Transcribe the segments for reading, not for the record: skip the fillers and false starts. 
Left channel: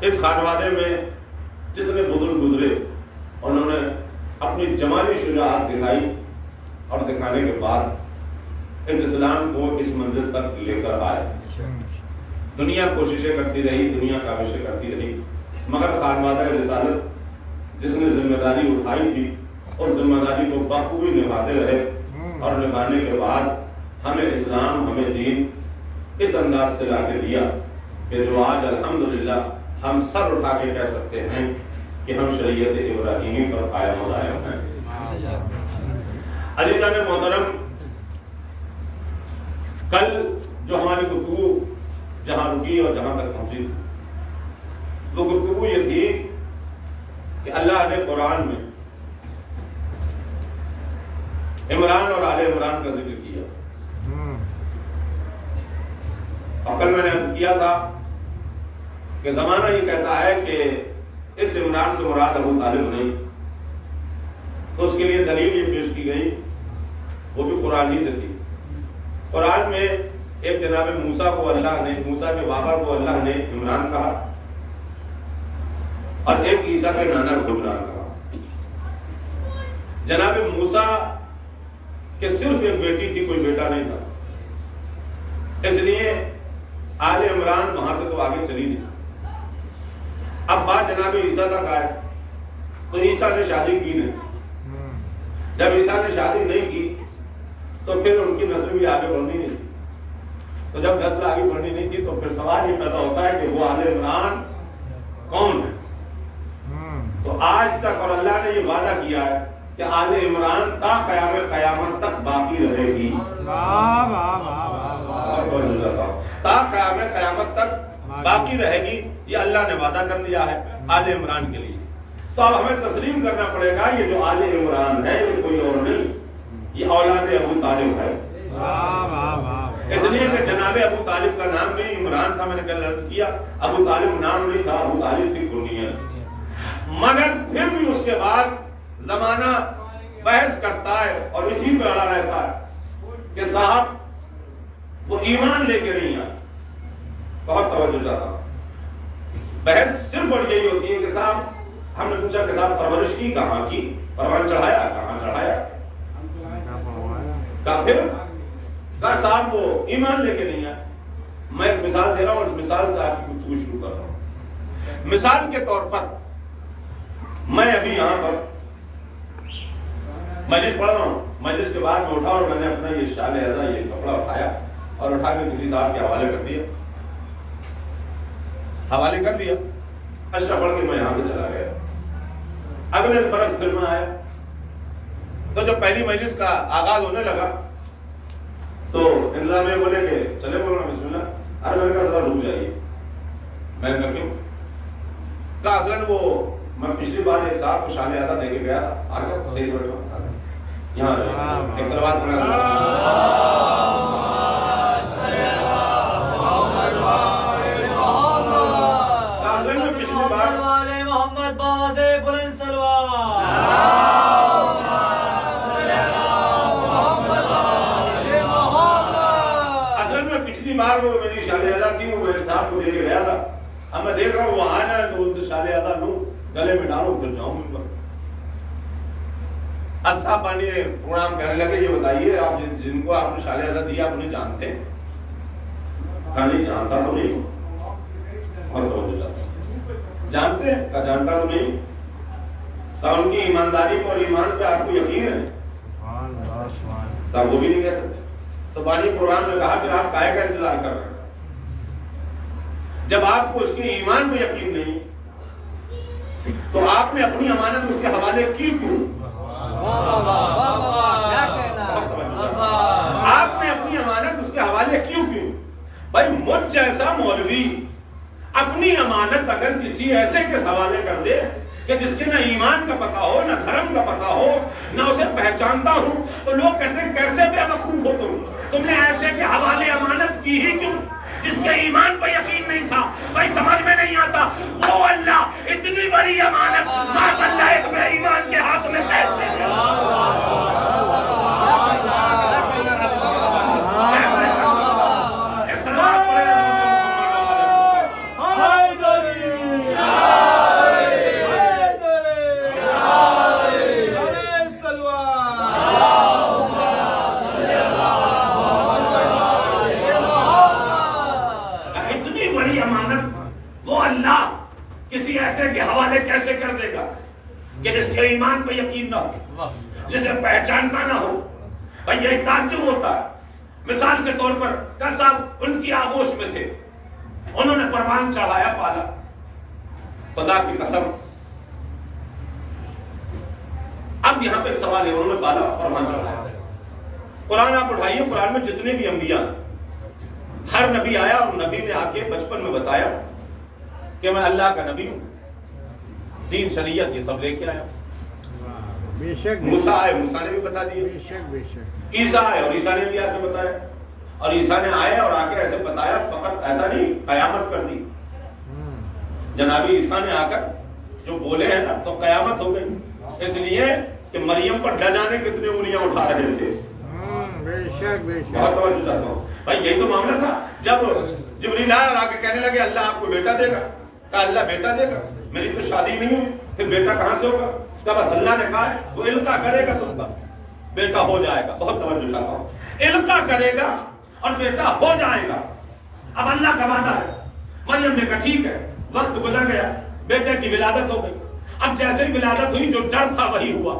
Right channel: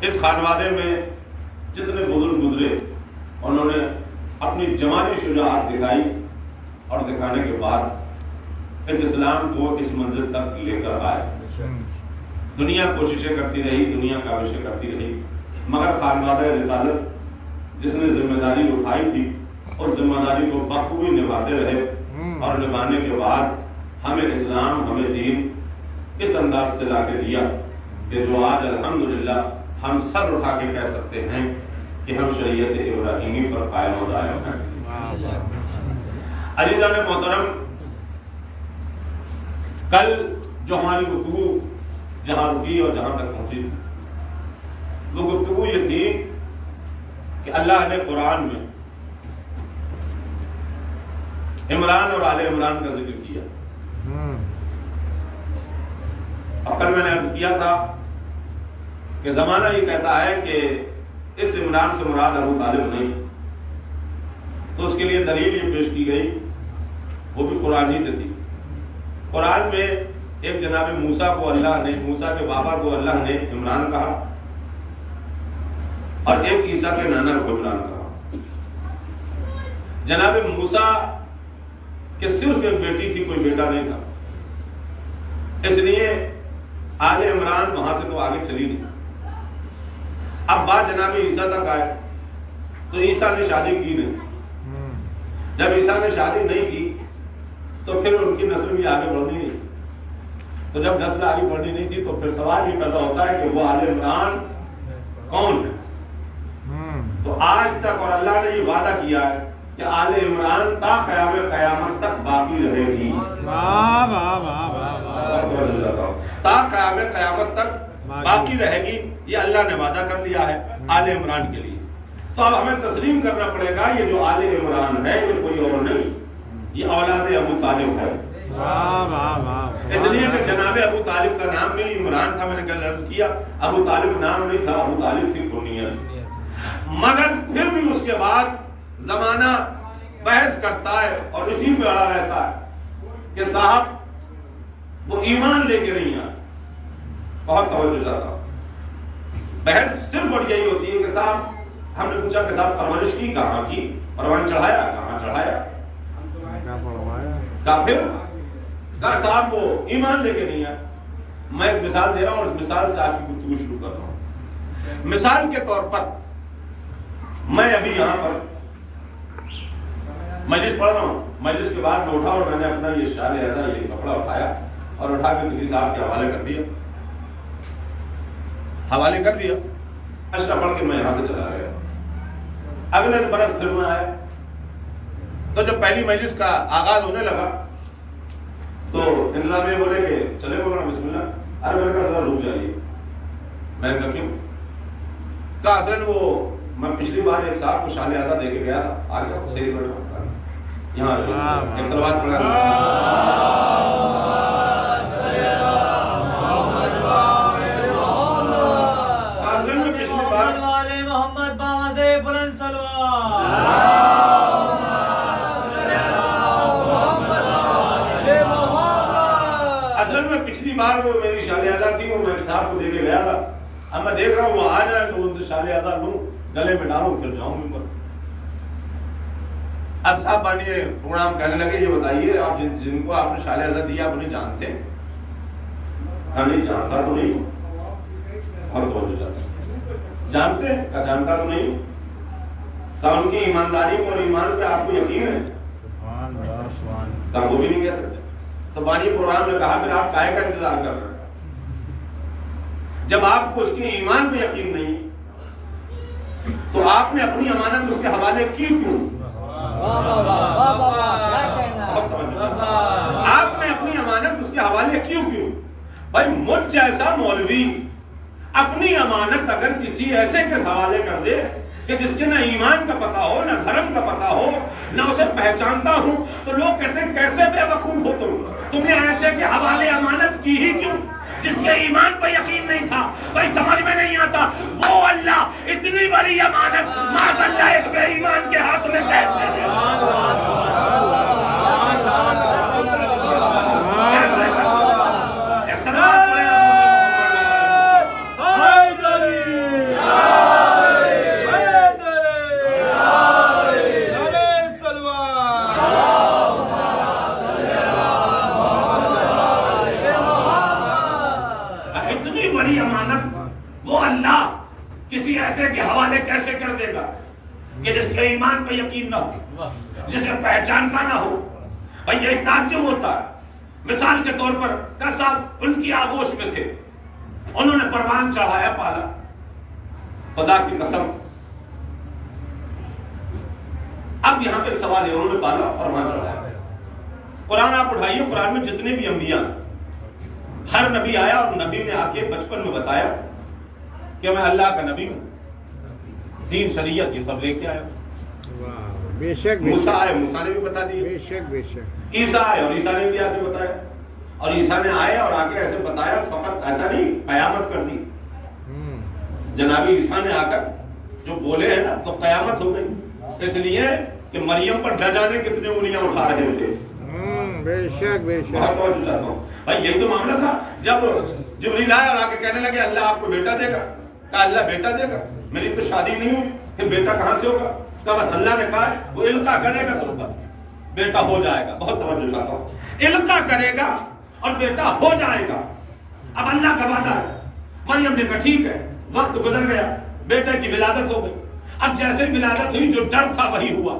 اس خانوادے میں جتنے بزرگ گزرے انہوں نے اپنی جوانی شجاعت دکھائی اور دکھانے کے بعد اس اسلام کو اس منزل تک لے کر آئے۔ دنیا کوششیں کرتی رہی، دنیا کاوشیں کرتی رہی، مگر خانوادہ رسالت جس نے ذمہ داری اٹھائی تھی اور ذمہ داری کو بخوبی نبھاتے رہے، اور نبھانے کے بعد ہمیں اسلام، ہمیں دین اس انداز سے لا کے دیا کہ جو آج الحمدللہ ہم سر اٹھا کے کہہ سکتے ہیں کہ ہم شریعت ابراہیمی پر قائم ہو رہے ہیں۔ عزیزان محترم، کل جو ہماری گفتگو جہاں رکی اور جہاں تک پہنچی تھی، وہ گفتگو یہ تھی کہ اللہ نے قرآن میں عمران اور آل عمران کا ذکر کیا، اور کل میں نے عرض کیا تھا کہ زمانہ یہ کہتا ہے کہ اس عمران سے مراد ابو طالب نہیں، تو اس کے لیے دلیل یہ پیش کی گئی، وہ بھی قرآن ہی سے تھی۔ قرآن میں ایک جناب موسیٰ کو اللہ نے، موسیٰ کے بابا کو اللہ نے عمران کہا، اور ایک عیسیٰ کے نانا کو عمران کہا۔ جناب موسیٰ کہ صرف ایک بیٹی تھی، کوئی بیٹا نہیں تھا، اس لیے آل عمران وہاں سے تو آگے چلی نہیں۔ اب بات جناب عیسیٰ تک آئے تو عیسیٰ نے شادی کی نہیں۔ جب عیسیٰ نے شادی نہیں کی تو پھر ان کی نسل بھی آگے بڑھنی نہیں تھی، تو جب نسل آگے بڑھنی نہیں تھی تو پھر سوال یہ پیدا ہوتا ہے کہ وہ آل عمران کون ہے؟ تو آج تک، اور اللہ نے یہ وعدہ کیا ہے کہ آل عمران تا قیام قیامت تک باقی رہے گی، تا قیام قیامت تک باقی رہے گی، یہ اللہ نے وعدہ کر لیا ہے آل عمران کے لیے۔ تو اب ہمیں تسلیم کرنا پڑے گا یہ جو آل عمران ہے یہ کوئی اور نہیں، یہ اولاد ابو طالب ہے۔ اس لیے کہ جناب ابو طالب کا نام بھی عمران تھا، میں نے کل عرض کیا، ابو طالب نام نہیں تھا، ابو طالب تھی کنیت۔ مگر پھر بھی اس کے بعد زمانہ بحث کرتا ہے اور اسی پہ اڑا رہتا ہے کہ صاحب وہ ایمان لے کے نہیں آئے۔ بہت توجہ چاہتا ہوں، بحث صرف اور یہی ہوتی ہے کہ صاحب ہم نے پوچھا کہ صاحب پرورش کی کہاں کی، پروان چڑھایا کہاں چڑھایا، کہا پھر کہا صاحب وہ ایمان لے کے نہیں آئے۔ میں ایک مثال دے رہا ہوں اور اس مثال سے آج کی گفتگو شروع کر رہا ہوں۔ مثال کے طور پر میں ابھی یہاں پر مجلس پڑھ رہا ہوں، مجلس کے بعد میں اٹھا اور میں نے اپنا یہ شال اعزا، یہ کپڑا اٹھایا اور اٹھا کے کسی صاحب کے حوالے کر دیا، اشرا پڑھ کے میں یہاں سے چلا گیا۔ اگلے برس پھر میں آیا تو جب پہلی مجلس کا آغاز ہونے لگا تو انتظامیہ بولے کہ چلے مولانا بسم اللہ۔ ارے میں نے کہا ذرا رک جائیے۔ میں نے کہا کیوں؟ کہا اصلاً وہ میں پچھلی بار ایک صاحب کو شال اعزا دے کے گیا تھا، آ گیا صحیح بیٹھا یہاں ایک صلوات پڑھا۔ اصلاً میں پچھلی بار محمد بازے بلند سلوات، اصل میں پچھلی بار وہ میری شال اعزا تھی، وہ میں صاحب کو دے کے گیا تھا۔ اب میں دیکھ رہا ہوں وہ آ جائے تو ان سے شال اعزا لوں، گلے میں ڈالوں، پھر جاؤں ممبر۔ اب صاحب بانی پروگرام کہنے لگے یہ بتائیے آپ جن کو آپ نے شال اعزا دیا آپ انہیں جانتے ہیں؟ کہا نہیں جانتا تو نہیں ہوں، اور توجہ چاہتا ہوں، جانتے ہیں؟ کہا جانتا تو نہیں ہوں۔ کہا ان کی ایمانداری پر اور ایمان پہ آپ کو یقین ہے؟ کہا وہ بھی نہیں کہہ سکتے۔ تو بانی پروگرام نے کہا پھر آپ کائے کا انتظار کر رہے ہیں؟ جب آپ کو اس کے ایمان پہ یقین نہیں تو آپ نے اپنی امانت اس کے حوالے کی کیوں؟ آپ نے اپنی امانت اس کے حوالے کیوں؟ بھائی مجھ جیسا مولوی اپنی امانت اگر کسی ایسے کے حوالے کر دے کہ جس کے نہ ایمان کا پتہ ہو، نہ دھرم کا پتہ ہو، نہ اسے پہچانتا ہوں، تو لوگ کہتے ہیں کیسے بے وقوف ہو تم نے ایسے کے حوالے امانت کی ہی کیوں؟ جس کے ایمان پہ یقین نہیں تھا۔ بھائی سمجھ میں نہیں آتا وہ اللہ اتنی بڑی امانت معاذ اللہ ایک بے ایمان کے ہاتھ میں کیسے دے دے؟ اتنی بڑی امانت وہ اللہ کسی ایسے کے حوالے کیسے کر دے گا کہ جس کے ایمان پہ یقین نہ ہو، جسے پہچانتا نہ ہو؟ بھائی یہ تعجب ہوتا ہے۔ مثال کے طور پر کا صاحب ان کی آغوش میں تھے، انہوں نے پروان چڑھایا، پالا، خدا کی قسم۔ اب یہاں پہ ایک سوال ہے، انہوں نے پالا اور پروان چڑھایا۔ قرآن آپ اٹھائیے، قرآن میں جتنے بھی انبیاء، ہر نبی آیا اور نبی نے آ کے بچپن میں بتایا کہ میں اللہ کا نبی ہوں، دین شریعت یہ سب لے کے آیا۔ بے شک موسیٰ آئے، موسیٰ نے بھی بتا دیے۔ بے شک بے شک عیسیٰ آئے اور عیسیٰ نے بھی آ کے بتایا، اور عیسیٰ نے آئے اور آ کے ایسے بتایا، فقط ایسا نہیں، قیامت کر دی۔ جناب عیسیٰ نے آ کر جو بولے ہیں نا تو قیامت ہو گئی، اس لیے کہ مریم پر نہ جانے کتنے انگلیاں اٹھا رہے تھے۔ بے شک بے شک بہت توجہ چاہتا ہوں بھائی، یہی تو معاملہ تھا جب جبریل آیا اور آ کے کہنے لگے اللہ آپ کو بیٹا دے گا، کہا اللہ بیٹا دے گا، میری تو شادی نہیں ہوئی، پھر بیٹا کہاں سے ہوگا؟ کہا بس اللہ نے کہا وہ القا کرے گا تم کا بیٹا ہو جائے گا۔ بہت توجہ چاہتا ہوں، القا کرے گا اور بیٹا ہو جائے گا۔ اب اللہ کا وعدہ ہے، مریم نے کہا ٹھیک ہے، وقت گزر گیا، بیٹے کی ولادت ہو گئی۔ اب جیسے ہی ولادت ہوئی جو ڈر تھا وہی ہوا۔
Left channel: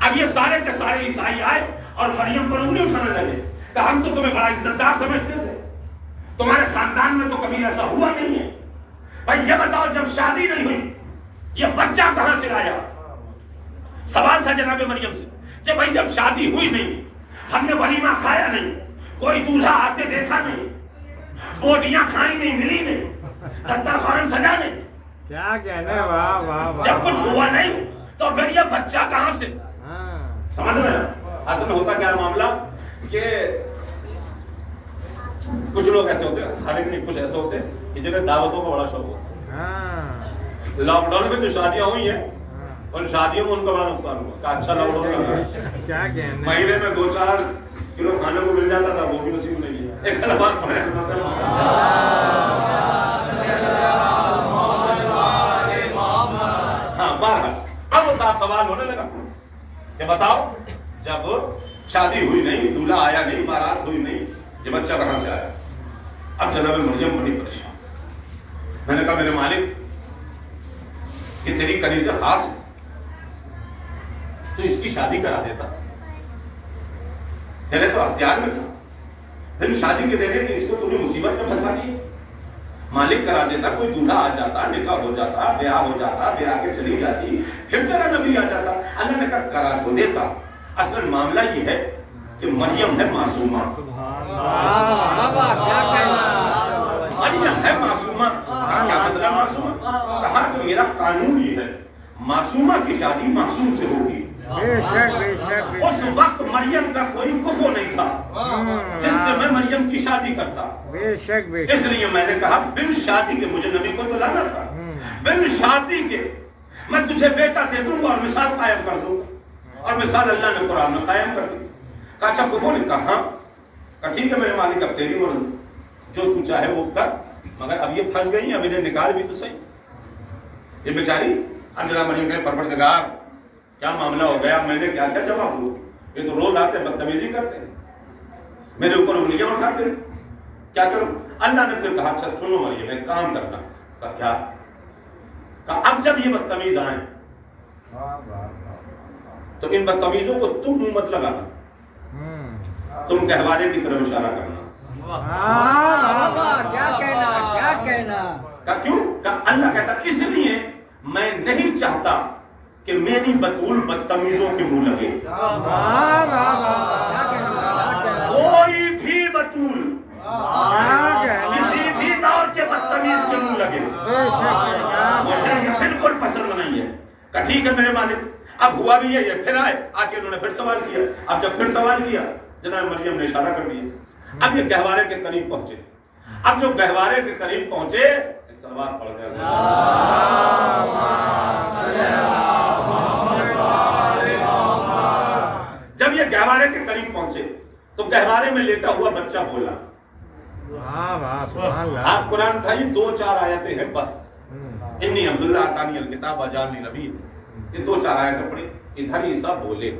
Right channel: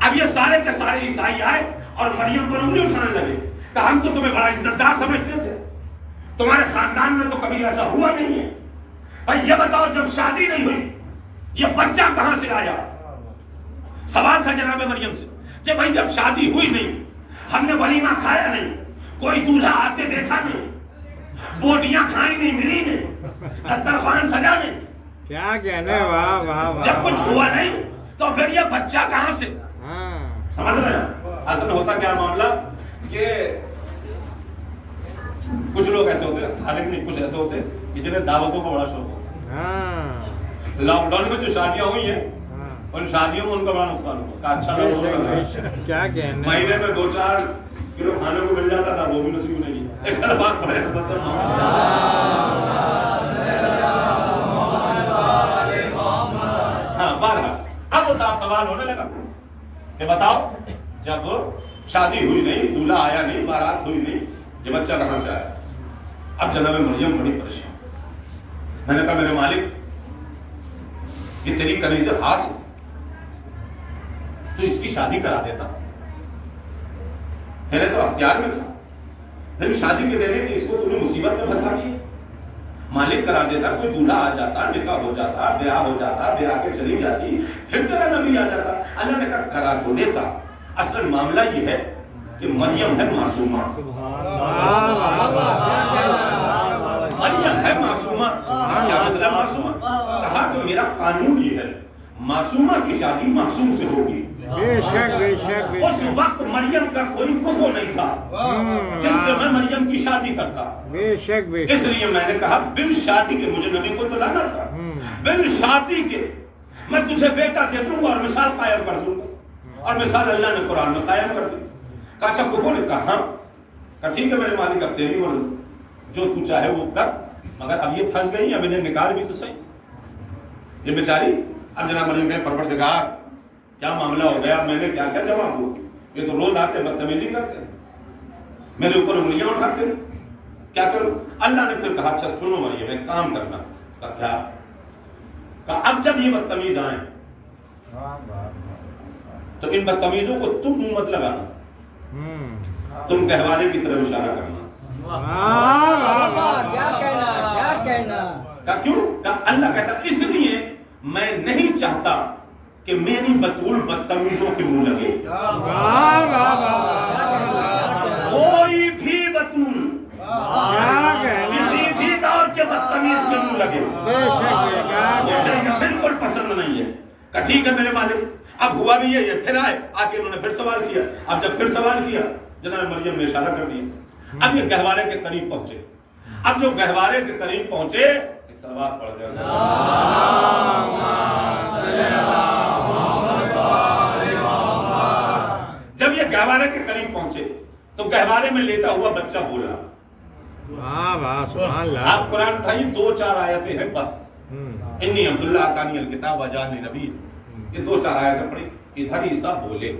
اب یہ سارے کے سارے عیسائی آئے اور مریم پر انگلی اٹھانے لگے، کہ ہم تو تمہیں بڑا عزت دار سمجھتے تھے، تمہارے خاندان میں تو کبھی ایسا ہوا نہیں ہے۔ بھائی یہ بتاؤ جب شادی نہیں ہوئی یہ بچہ کہاں سے آیا؟ سوال تھا جناب مریم سے کہ بھائی جب شادی ہوئی نہیں، ہم نے ولیمہ کھایا نہیں، کوئی دولہا آتے دیکھا نہیں، بوٹیاں کھائی نہیں، ملی نہیں، دسترخوان سجا نہیں، کیا کہنا، واہ واہ واہ، جب کچھ ہوا نہیں تو پھر یہ بچہ کہاں سے؟ سمجھ رہے ہیں؟ اصل میں ہوتا کیا معاملہ کہ کچھ لوگ ایسے ہوتے ہیں، ہر ایک نہیں، کچھ ایسے ہوتے ہیں کہ جنہیں دعوتوں کا بڑا شوق ہوتا ہے۔ لاک ڈاؤن میں جو شادیاں ہوئی ہیں ان شادیوں میں ان کا بڑا نقصان ہوا، اچھا لوگ کیا کہنا، مہینے میں 2-4 کلو کھانے کو مل جاتا تھا، وہ بھی نصیب نہیں ہے۔ ایک بات پڑھے ہاں بہرحال اب وہ صاحب سوال ہونے لگا کہ بتاؤ جب شادی ہوئی نہیں، دولہا آیا نہیں، بارات ہوئی نہیں، یہ بچہ کہاں سے آیا؟ اب جناب مریم بڑی پریشان۔ میں نے کہا میرے مالک یہ تیری کنیز خاص ہے، تو اس کی شادی کرا دیتا، تیرے تو اختیار میں تھا، پھر شادی کے دینے کہ اس کو تمہیں مصیبت میں پھنسا دی۔ مالک کرا دیتا، کوئی دولہا آ جاتا، نکاح ہو جاتا، بیاہ ہو جاتا، بیاہ کے چلی جاتی، پھر تیرا نبی آ جاتا۔ اللہ نے کہا کرا تو دیتا، اصل معاملہ یہ ہے کہ مریم ہے معصومہ، مریم ہے معصومہ۔ کیا مطلب معصومہ؟ کہا کہ میرا قانون یہ ہے معصومہ کی شادی معصوم سے ہوگی۔ بے شک بے شک بے اس وقت مریم کا کوئی کفو نہیں تھا جس سے میں مریم کی شادی کرتا، بے شک بے اس لیے میں نے کہا بن شادی کے مجھے نبی کو تو لانا تھا، بن شادی کے میں تجھے بیٹا دے دوں گا اور مثال قائم کر دوں گا، اور مثال اللہ نے قرآن میں قائم کر دی۔ کہا اچھا کفو نے کہا ہاں، کہا ٹھیک ہے میرے مالک اب تیری مرضی، جو تو چاہے وہ کر، مگر اب یہ پھنس گئی، اب انہیں نکال بھی تو صحیح۔ یہ بیچاری اب جناب مریم نے پروردگار کیا معاملہ ہو گیا، میں نے کیا کیا جواب دوں؟ یہ تو روز آتے بدتمیزی کرتے ہیں، میرے اوپر انگلیاں اٹھاتے ہیں، کیا کروں؟ اللہ نے پھر کہا اچھا سنو مریم ایک کام کرنا۔ کہا کیا؟ کہا اب جب یہ بدتمیز آئیں تو ان بدتمیزوں کو تم منہ مت لگانا، تم گہوارے کی طرف اشارہ کرنا۔ کیا کہنا، کہا کیوں؟ کہا اللہ کہتا اس لیے میں نہیں چاہتا کہ میری بطول بدتمیزوں کے منہ لگے، کوئی بھی بطول کسی بھی دور کے بدتمیز کے منہ لگے بالکل پسند نہیں ہے۔ کہا ٹھیک ہے میرے مالک، اب ہوا بھی یہ پھر آئے، آ کے انہوں نے پھر سوال کیا۔ اب جب پھر سوال کیا جناب مریم نے اشارہ کر دیا۔ اب یہ گہوارے کے قریب پہنچے، اب جو گہوارے کے قریب پہنچے ایک سلوات پڑھ گیا، جب یہ گہوارے کے قریب پہنچے تو گہوارے میں لیٹا ہوا بچہ بولا۔ آپ قرآن اٹھائیے 2-4 آیتیں ہیں بس، انی عبداللہ آتانی الکتاب وجعلنی نبی، یہ 2-4 آیتیں پڑھی۔ ادھر عیسیٰ بولے،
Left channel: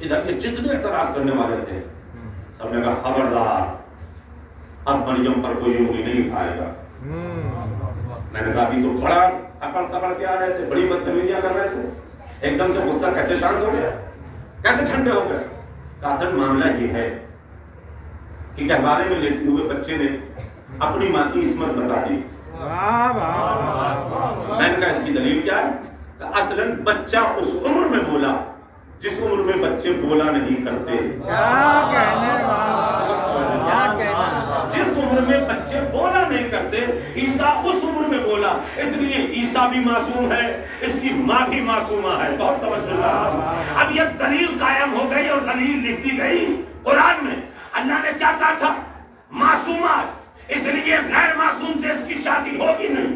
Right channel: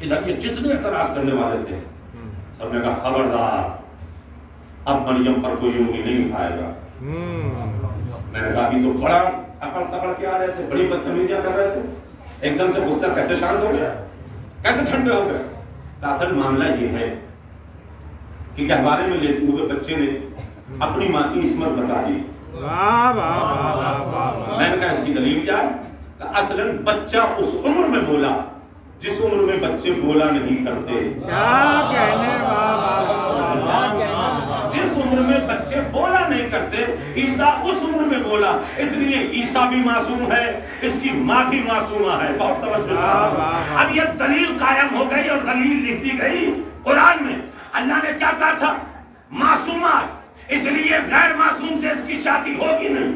ادھر یہ جتنے اعتراض کرنے والے تھے سب نے کہا خبردار اب مریم پر کوئی انگلی نہیں اٹھائے گا۔ میں نے کہا ابھی تو بڑا اکڑ تکڑ کے آ رہے تھے، بڑی بدتمیزیاں کر رہے تھے، ایک دم سے غصہ کیسے شانت ہو گیا، کیسے ٹھنڈے ہو گئے؟ اصل معاملہ یہ ہے کہ گہوارے میں لیٹے ہوئے بچے نے اپنی ماں کی عصمت بتا دی۔ میں نے کہا اس کی دلیل کیا ہے؟ کہ اصلاً بچہ اس عمر میں بولا جس عمر میں بچے بولا نہیں کرتے، جس عمر میں بچے بولا نہیں کرتے عیسیٰ اس عمر میں بولا، اس لیے عیسیٰ بھی معصوم ہے، اس کی ماں بھی معصومہ ہے۔ بہت توجہ۔ اب یہ دلیل قائم ہو گئی اور دلیل لکھ دی گئی قرآن میں۔ اللہ نے کیا کہا تھا؟ معصومات، اس لیے غیر معصوم سے اس کی شادی ہوگی نہیں۔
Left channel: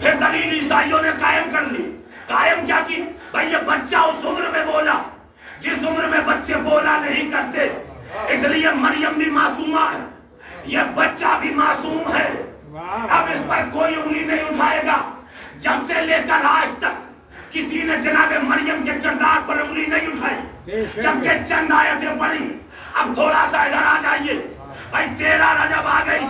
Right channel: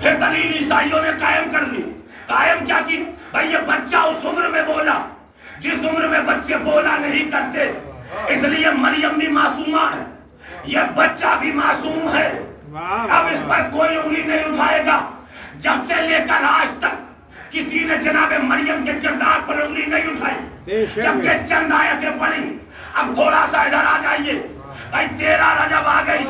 پھر دلیل عیسائیوں نے قائم کر دی۔ قائم کیا کی؟ بھائی یہ بچہ اس عمر میں بولا جس عمر میں بچے بولا نہیں کرتے، اس لیے مریم بھی معصومہ ہے، یہ بچہ بھی معصوم ہے۔ اب اس پر کوئی انگلی نہیں اٹھائے گا۔ جب سے لے کر آج تک کسی نے جناب مریم کے کردار پر انگلی نہیں اٹھائی، جبکہ چند آیتیں پڑھی۔ اب تھوڑا سا ادھر آ جائیے بھائی، 13 رجب آ گئی،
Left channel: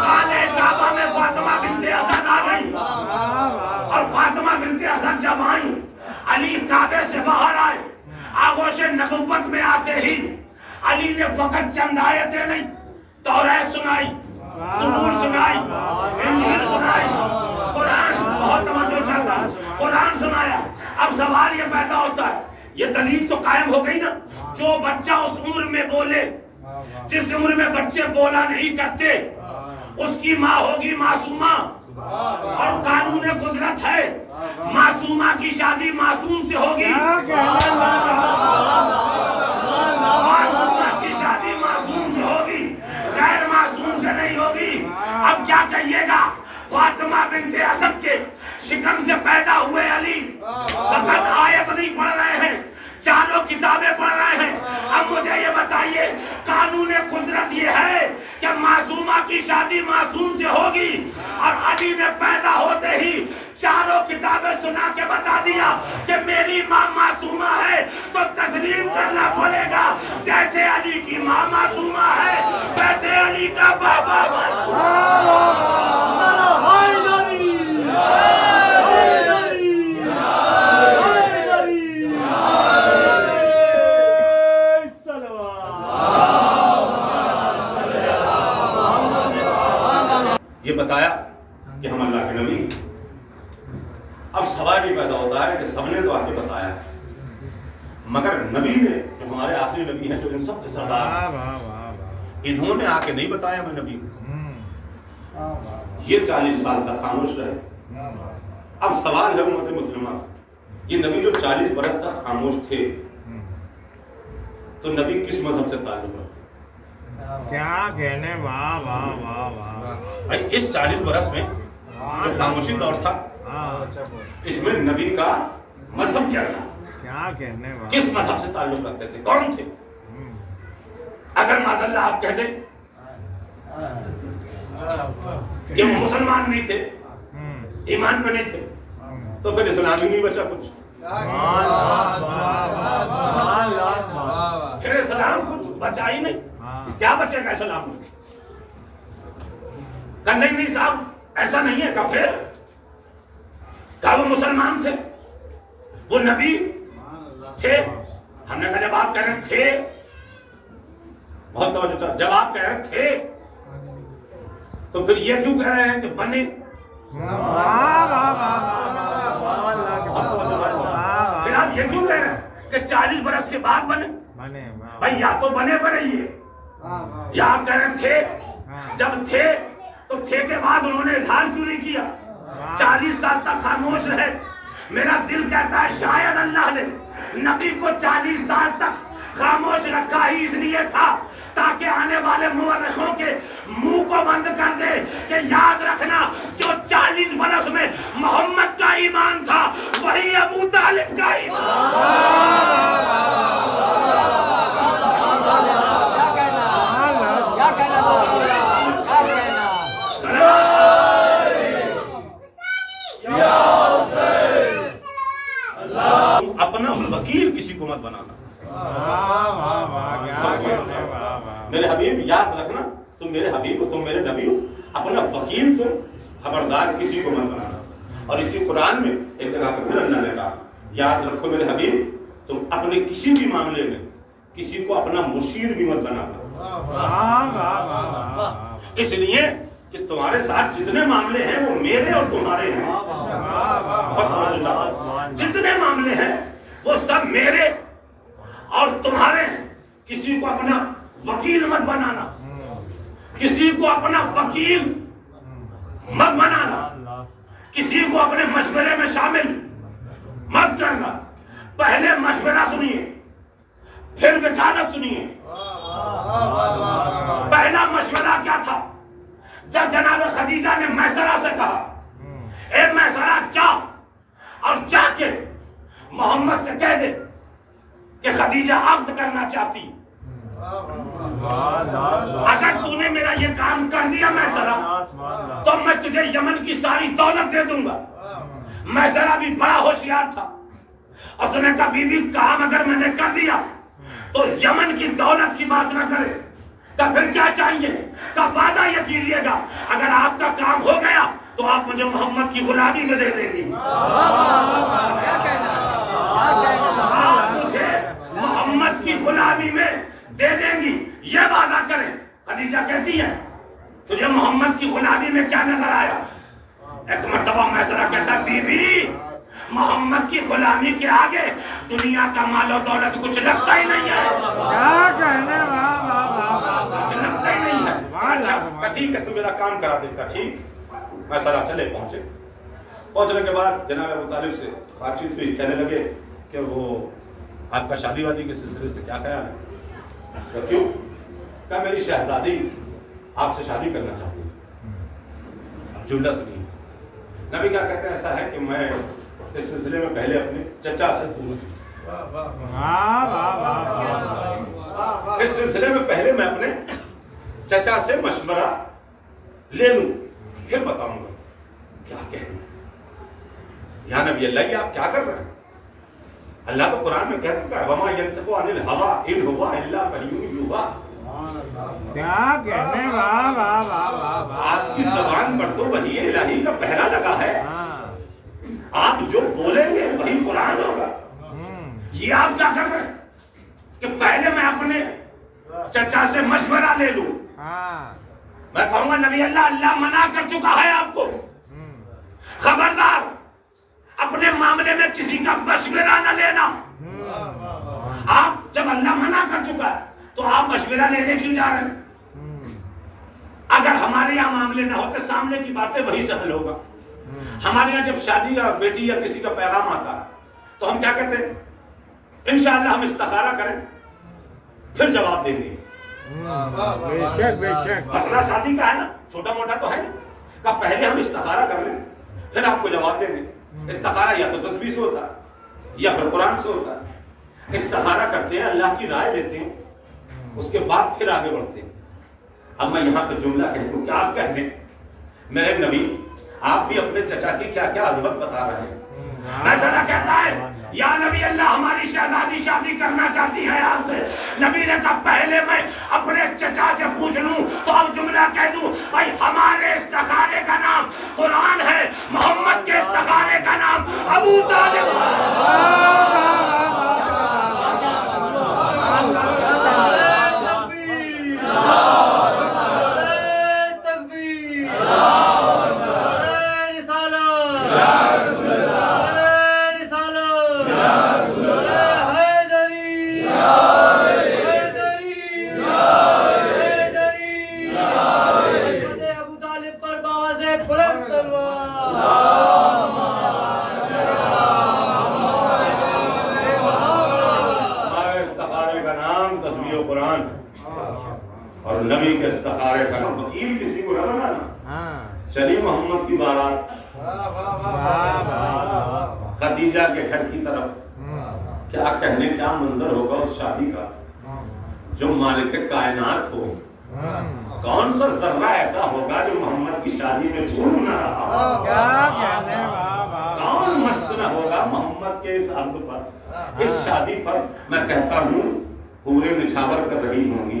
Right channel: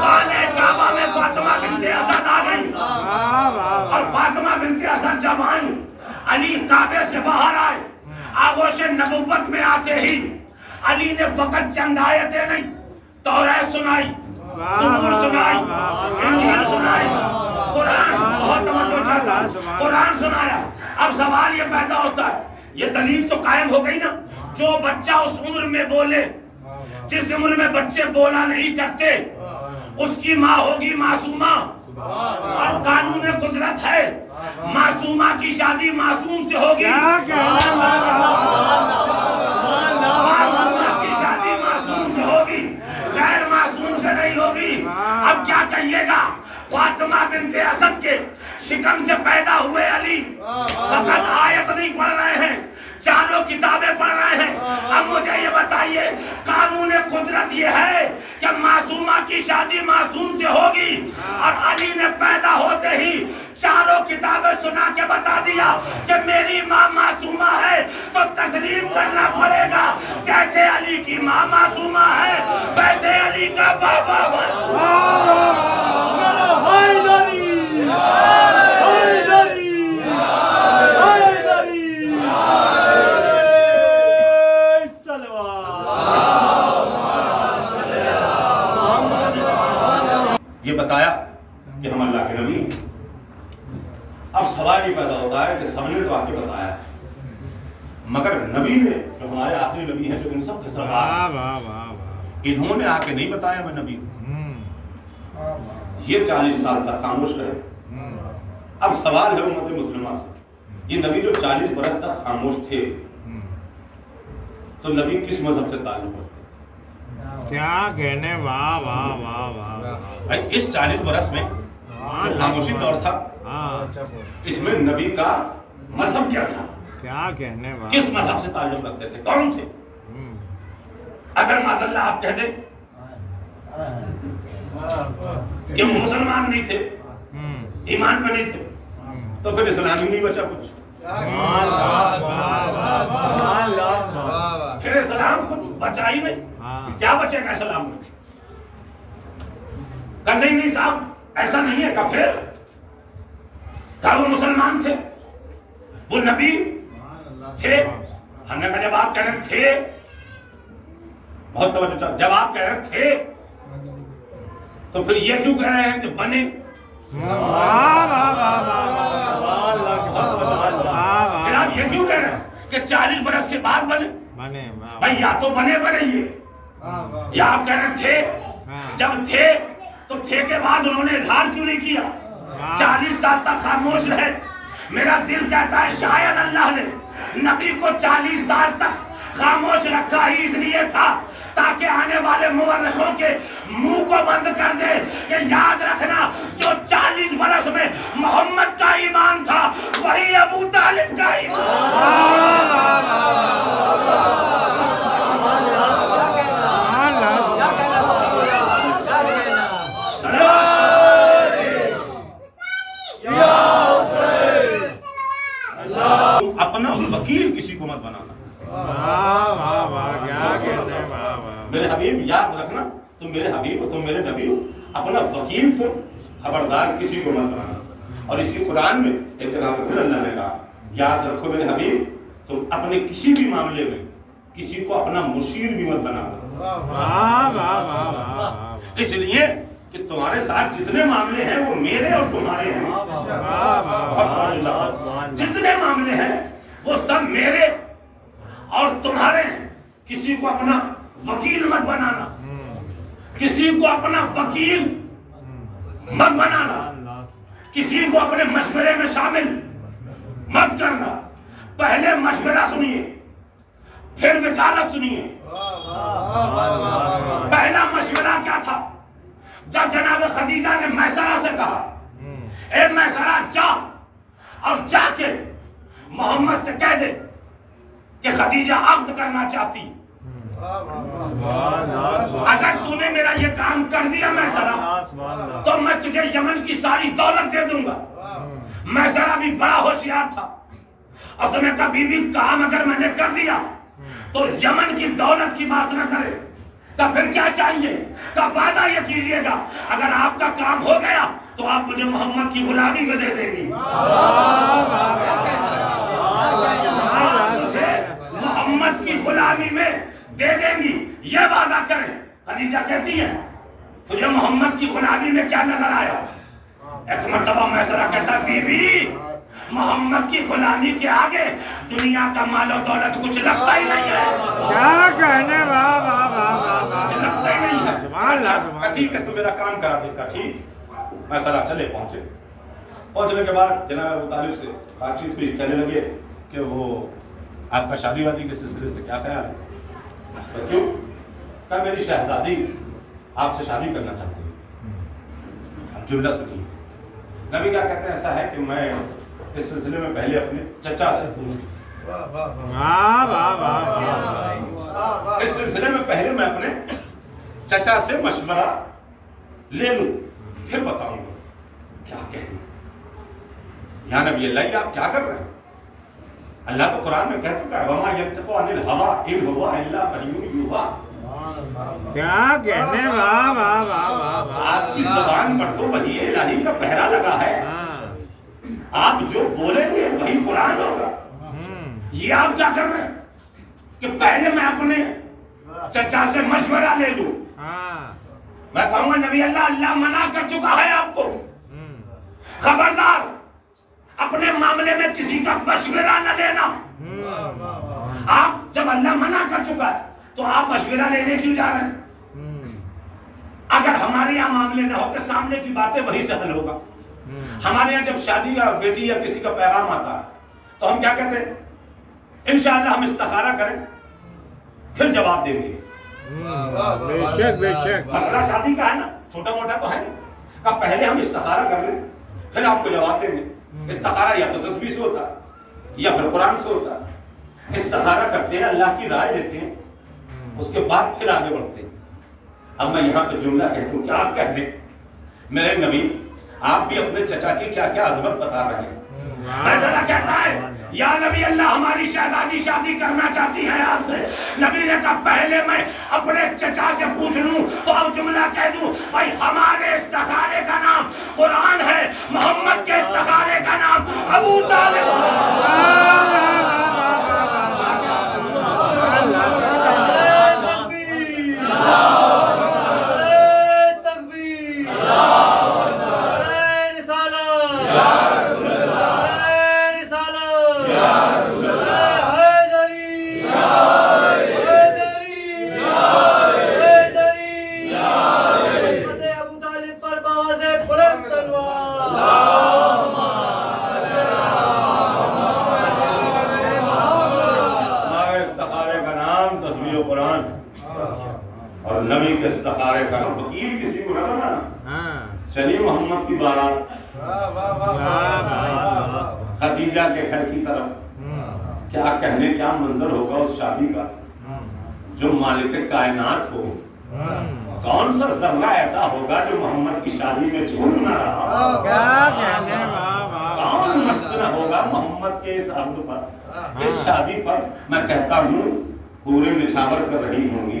خانہ کعبہ میں فاطمہ بنت اسد آ گئی، اور فاطمہ بنت اسد جب آئیں، علی کعبے سے باہر آئے، آغوش نبوت میں آتے ہی علی نے فقط چند آیتیں نہیں، توریت سنائی، زبور سنائی، انجیل سنائی، قرآن، بہت توجہ چاہتا ہے، قرآن سنایا۔ اب سوال یہ پیدا ہوتا ہے، یہ دلیل تو قائم ہو گئی نا، جو بچہ اس عمر میں بولے جس عمر میں بچے بولا نہیں کرتے، اس کی ماں ہوگی معصومہ، اور قانون قدرت ہے معصومہ کی شادی معصوم سے ہوگی، معصومہ کی شادی معصوم سے ہوگی، غیر معصوم سے نہیں ہوگی۔ اب کیا کہیے گا؟ فاطمہ بنت اسد کے شکم سے پیدا ہوئے علی فقط آیت نہیں پڑھ رہے ہیں، چاروں کتابیں پڑھ رہے ہیں۔ اب مجھے یہ بتائیے، قانون قدرت یہ ہے کہ معصومہ کی شادی معصوم سے ہوگی، اور علی نے پیدا ہوتے ہی چاروں کتابیں سنا کے بتا دیا کہ میری ماں معصومہ ہے، تو تسلیم کرنا پڑے گا۔ جیسے علی کی ماں معصومہ ہے ویسے علی کا بابا معصوم۔ یہ بتایا کہ ہم اللہ کے نبی۔ اب سوال یہ پیدا ہوتا ہے کہ سب نے تو آ کے بتایا ہے، مگر نبی نے جو ہمارے آخری نبی ہیں، جو ان سب کے سردار، انہوں نے آ کے نہیں بتایا میں نبی ہوں۔ یہ 40 سال تک خاموش رہے۔ اب سوال ہے امت مسلمہ سے، یہ نبی جو 40 برس تک خاموش تھے، تو نبی کس مذہب سے تعلق رکھتے؟ کیا کہنے، واہ واہ واہ واہ۔ بھائی اس 40 برس میں جو خاموشی دور تھا، اس میں نبی کا مذہب کیا تھا؟ کیا کہنے، کس مذہب سے تعلق رکھتے تھے؟ کون تھے؟ اگر معاذ اللہ آپ کہہ دیں کہ وہ مسلمان نہیں تھے، ایمان پہ نہیں تھے، تو پھر اسلام ہی نہیں بچا کچھ۔ پھر اسلام کچھ بچا ہی نہیں، کیا بچے گا اسلام میں؟ کہ نہیں صاحب ایسا نہیں ہے، کہ پھر کہ وہ مسلمان تھے، وہ نبی تھے۔ ہم نے کہا جب آپ کہہ رہے تھے، بہت توجہ چاہتے، جب آپ کہہ رہے تھے تو پھر یہ کیوں کہہ رہے ہیں کہ بنے؟ پھر آپ یہ کیوں کہہ رہے ہیں کہ 40 برس کے بعد بنے؟ بھائی یا تو بنے یہ، یا آپ کہہ رہے تھے، جب تھے تو تھے کے بعد انہوں نے اظہار کیوں نہیں کیا؟ 40 سال تک خاموش رہے۔ میرا دل کہتا ہے شاید اللہ نے نبی کو 40 سال تک خاموش رکھا ہی اس لیے تھا تاکہ آنے والے مورخوں کے منہ کو بند کر دے کہ یاد رکھنا جو 40 برس میں محمد کا ایمان تھا وہی ابو طالب کا ایمان۔ اپنا وکیل کسی کو مت بنانا۔ میرے حبیب یاد رکھنا تم میرے حبیب ہو، تم میرے نبی ہو، اپنا وکیل تم، خبردار کسی کو مت بنانا۔ اور اسی قرآن میں ایک جگہ پہ پھر اللہ نے کہا یاد رکھو میرے حبیب تم اپنے کسی بھی معاملے میں کسی کو اپنا مشیر بھی مت بنا دو، اس لیے کہ تمہارے ساتھ جتنے معاملے ہیں وہ میرے اور تمہارے ہیں، جتنے معاملے ہیں وہ سب میرے اور تمہارے ہیں۔ کسی کو اپنا وکیل مت بنانا، کسی کو اپنا وکیل مت بنانا، کسی کو اپنے مشورے میں شامل مت کرنا۔ پہلے مشورہ سنیے پھر وکالت سنیے۔ پہلا مشورہ کیا تھا؟ جب جناب خدیجہ نے میسرہ سے کہا اے میسرہ جا اور جا کے محمد سے کہہ دے کہ خدیجہ عقد کرنا چاہتی، اگر تو نے میرا یہ کام کر دیا میسرہ تو میں تجھے یمن کی ساری دولت دے دوں گا۔ میسرہ بھی بڑا ہوشیار تھا، اس نے کہا بی بی کام اگر میں نے کر دیا تو یمن کی دولت کی بات نہ کرے، تو پھر کیا چاہیے؟ تو وعدہ یہ کیجئے گا اگر آپ کا کام ہو گیا تو آپ مجھے محمد کی غلامی میں دے دیں گی، آپ مجھے محمد کی غلامی میں دے دیں گی، یہ وعدہ کریں۔ خدیجہ کہتی ہے تجھے محمد کی غلامی میں کیا نظر آیا؟ ایک مرتبہ میسرہ کہتا بی بی محمد کی غلامی کے آگے دنیا کا مال و دولت کچھ لگتا ہی نہیں ہے، کیا کہنے، کچھ لگتا ہی نہیں ہے۔ اچھا ٹھیک ہے تو میرا کام کرا دے گا، ٹھیک۔ میسرہ چلے پہنچے، پہنچنے کے بعد جناب ابو طالب سے بات چیت ہوئی، کہنے لگے کہ وہ آپ کا شادی وادی کے سلسلے سے کیا خیال ہے؟ تو کیوں؟ کہا میری شہزادی آپ سے شادی کرنا چاہتی ہے۔ اب جملہ سنیے، نبی کیا کہتے ہیں ایسا ہے کہ میں اس سلسلے میں پہلے اپنے چچا سے پوچھ اس سلسلے میں پہلے میں اپنے چچا سے مشورہ لے لوں پھر بتاؤں گا کیا کہنا۔ یا نبی اللہ یہ آپ کیا کر رہے ہیں؟ اللہ تو قرآن میں کہتا ہے وما ينطق عن الهوى ان هو الا وحی یوحی، کیا کہنے، واہ واہ واہ واہ، آپ کی زبان پر تو وحی الہی کا پہرا لگا ہے، آپ جو بولیں گے وہی قرآن ہوگا۔ یہ آپ کیا کر رہے ہیں کہ پہلے میں اپنے چچا سے مشورہ لے لوں؟ میں کہوں گا نبی اللہ منع کر چکا ہے آپ کو، خبردار اپنے معاملے میں کسی کا مشورہ نہ لینا۔ آپ جب اللہ منع کر چکا ہے تو آپ مشورہ لینے کیوں جا رہے ہیں؟ اگر ہمارے یہاں معاملے نہ ہوتے سامنے کی باتیں وہی سے حل ہوگا۔ ہمارے یہاں جب شادی یا بیٹی یا کسی کا پیغام آتا ہے تو ہم کیا کہتے ہیں؟ انشاءاللہ ہم استخارہ کریں پھر جواب دیں گے۔ مسئلہ شادی کا ہے نا، چھوٹا موٹا تو ہے نہیں، کہ پہلے ہم استخارہ کر لیں پھر آپ کو جواب دیں گے۔ استخارہ یا تو تسبیح سے ہوتا ہے یا پھر قرآن سے ہوتا ہے۔ استخارہ کرتے ہیں، اللہ کی رائے دیتے ہیں، اس کے بعد پھر آگے بڑھتے ہیں۔ اب میں یہاں پہ جملہ کہتا ہوں، کیا آپ کہہ دیں میرے نبی آپ بھی اپنے چچا کی کیا کیا عظمت بتا رہے ہیں۔ میسرہ کہتا ہے یا نبی اللہ ہماری شہزادی شادی کرنا چاہتی ہیں آپ سے۔ نبی نے کہا پہلے میں اپنے چچا سے پوچھ لوں تو اب جملہ کہہ دوں بھائی ہمارے استخارے کا نام قرآن ہے، محمد کے استخارے کا نام ابو طالب قرآن اور نبی کے استخارے کا وکیل کسی کو نہ بنانا۔ چلی محمد کی بارات خدیجہ کے گھر کی طرف، کیا کہنے کیا منظر ہوگا اس شادی کا جو مالک کائنات ہو۔ کون سا ذرہ ایسا ہوگا جو محمد کی شادی میں چھوٹ نہ رہا؟ کون مست نہ ہوگا محمد کے اس عرض پر، اس شادی پر؟ میں کہتا ہوں پورے نچھاور کر رہی ہوں گی،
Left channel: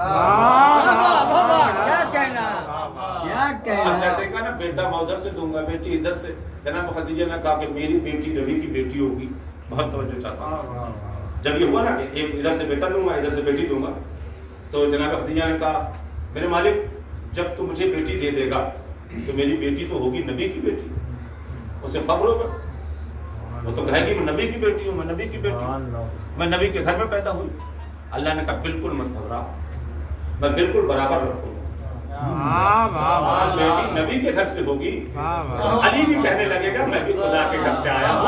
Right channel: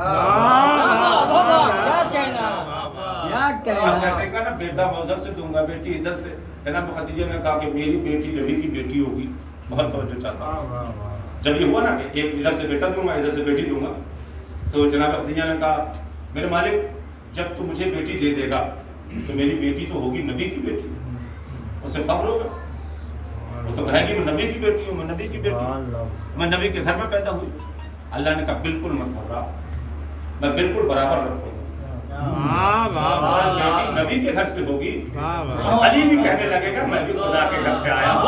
کیا کہنا کیا اب کہنا جیسے کہا نا بیٹا میں ادھر سے دوں گا بیٹی ادھر سے، جناب خدیجہ نے کہا کہ میری بیٹی نبی کی بیٹی ہوگی، بہت توجہ چاہتا ہوں۔ جب یہ ہوا نا کہ ایک ادھر سے بیٹا دوں گا ادھر سے بیٹی دوں گا، تو جناب خدیجہ نے کہا میرے مالک جب تو مجھے بیٹی دے دے گا تو میری بیٹی تو ہوگی نبی کی بیٹی، اسے فخر ہوگا، وہ تو کہے گی میں نبی کی بیٹی ہوں، میں نبی کی بیٹی ہوں، میں نبی کے گھر میں پیدا ہوئی۔ اللہ نے کہا بالکل مت گھبرا، میں بالکل برابر رکھوں گا، بیٹی نبی کے گھر سے ہوگی، علی بھی کہنے لگے گا میں بھی خدا کے گھر سے آیا ہوں۔